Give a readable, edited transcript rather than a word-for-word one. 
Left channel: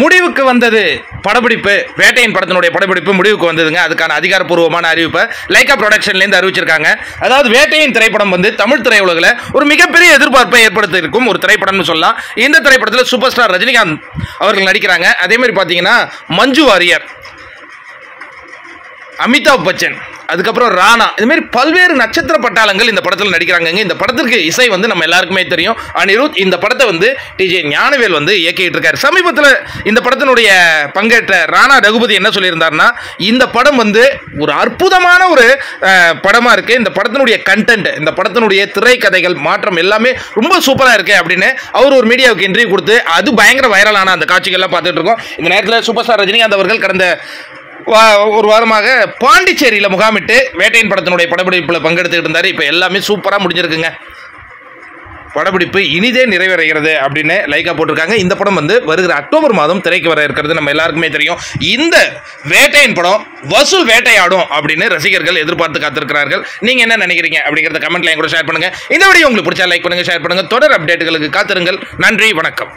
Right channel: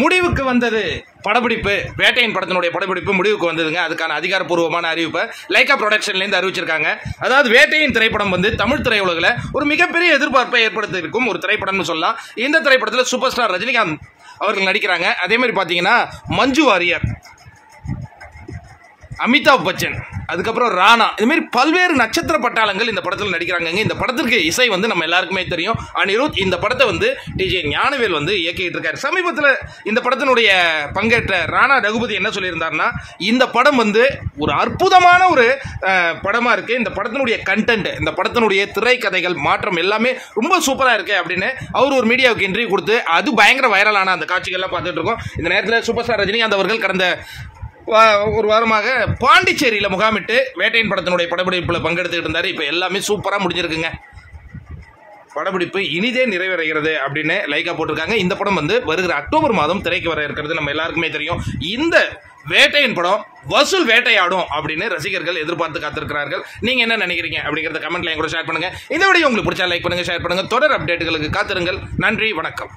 முடிவுக்கு வந்தது படப்பிடிப்பு. வேட்டையின் படத்தினுடைய படப்பிடிப்பு முடிவுக்கு வந்ததுங்க. அதுக்கான அதிகாரப்பூர்வமான அறிவிப்பை லைகா ப்ரொடக்ஷன்லேருந்து அறிவிச்சிருக்காங்க. அதாவது வேட்டையின் திரைப்படம் வந்து தமிழ் திரையுலகில் ஒரு மிகப்பெரிய எதிர்பார்ப்பை ஏற்படுத்தி இருக்கும் ஒரு திரைப்படம்னு சொல்லலாம். இந்த திரைப்படத்தில் சூப்பர் ஸ்டார் ரஜினிகாந்த் அவர்கள் நடிக்கிறாங்க. அதே மாதிரி பார்த்தீங்கன்னா மஞ்சு வாரியர், அமிதாப் பச்சன், அதுக்கப்புறம் ராணா, இதுமாரி பல்வேறு நட்சத்திர பட்டாளங்கள் இந்த படத்தில் நடிக்கிறாங்க. இந்த படத்திற்கு இசை வந்து நம்ம எல்லாருக்குமே தெரியும், அனிருத். இந்த படத்தை வந்து டிஜே ஞானவேல் வந்து இயக்கிட்டு இருக்காரு. சமீபத்தில் இந்த படத்தினுடைய பங்கேற்ற ராணா ரகுபதி என்ன சொல்லியிருந்தாருன்னா, இந்த படம் வந்து ஒரு அற்புதமான ஒரு படமாக இருக்குது. இந்த படத்தினுடைய கண்டென்ட், இந்த படத்தினுடைய திரைக்கதைகள் மாற்றம் எல்லாமே ரொம்ப சூப்பராக இருக்குது அப்படின்னு அவர் ஒரு மீடியாவுக்கு இன்டர்வியூ கொடுத்து அது பயங்கர வைரலான அந்த காட்சிகள்லாம் பார்த்துட்டு இருக்கோம். இந்த நேரத்தில் சூப்பர் ஸ்டார் ரஜினிகாந்த் அவர்கள் கடந்த ஒரு வாரமாக பாண்டிச்சேரியில் முகாமிட்டு வேட்டையின் படத்தினுடைய படப்பிடிப்பில் பங்கெடுத்துக்கிட்டு இருந்தார். இப்போ எல்லாமே சூப்பராக முடிஞ்சிருக்குங்க. படப்பிடிப்பு இனிதே நிறைவேறுகிறது அப்படின்னு லைகா போட்டிருக்காங்க. இந்த படம் வந்து வருகிற அக்டோபர் மாதம் திரைக்கு வர இருக்கிறது நம்ம எல்லாருக்குமே தெரியும். இந்த வேட்டையின் படம் வசூல் வேட்டையாடும் அப்படின்னு ரசிகர்கள் எதிர்பார்த்து காத்திருக்கிறார்கள். நீங்கள் என்ன நினைக்கிறீங்க அப்படிங்கிறத கமெண்ட்ல கூட ஷேர் பண்ணுங்கள். இந்த வீடியோ உங்களுக்கு பிடிச்சா லைக் பண்ணுங்கள், ஷேர் பண்ணுங்கள். தொடர் அப்டேட்டுகளுக்கு காத்திருங்கள். நன்றி, வணக்கம்.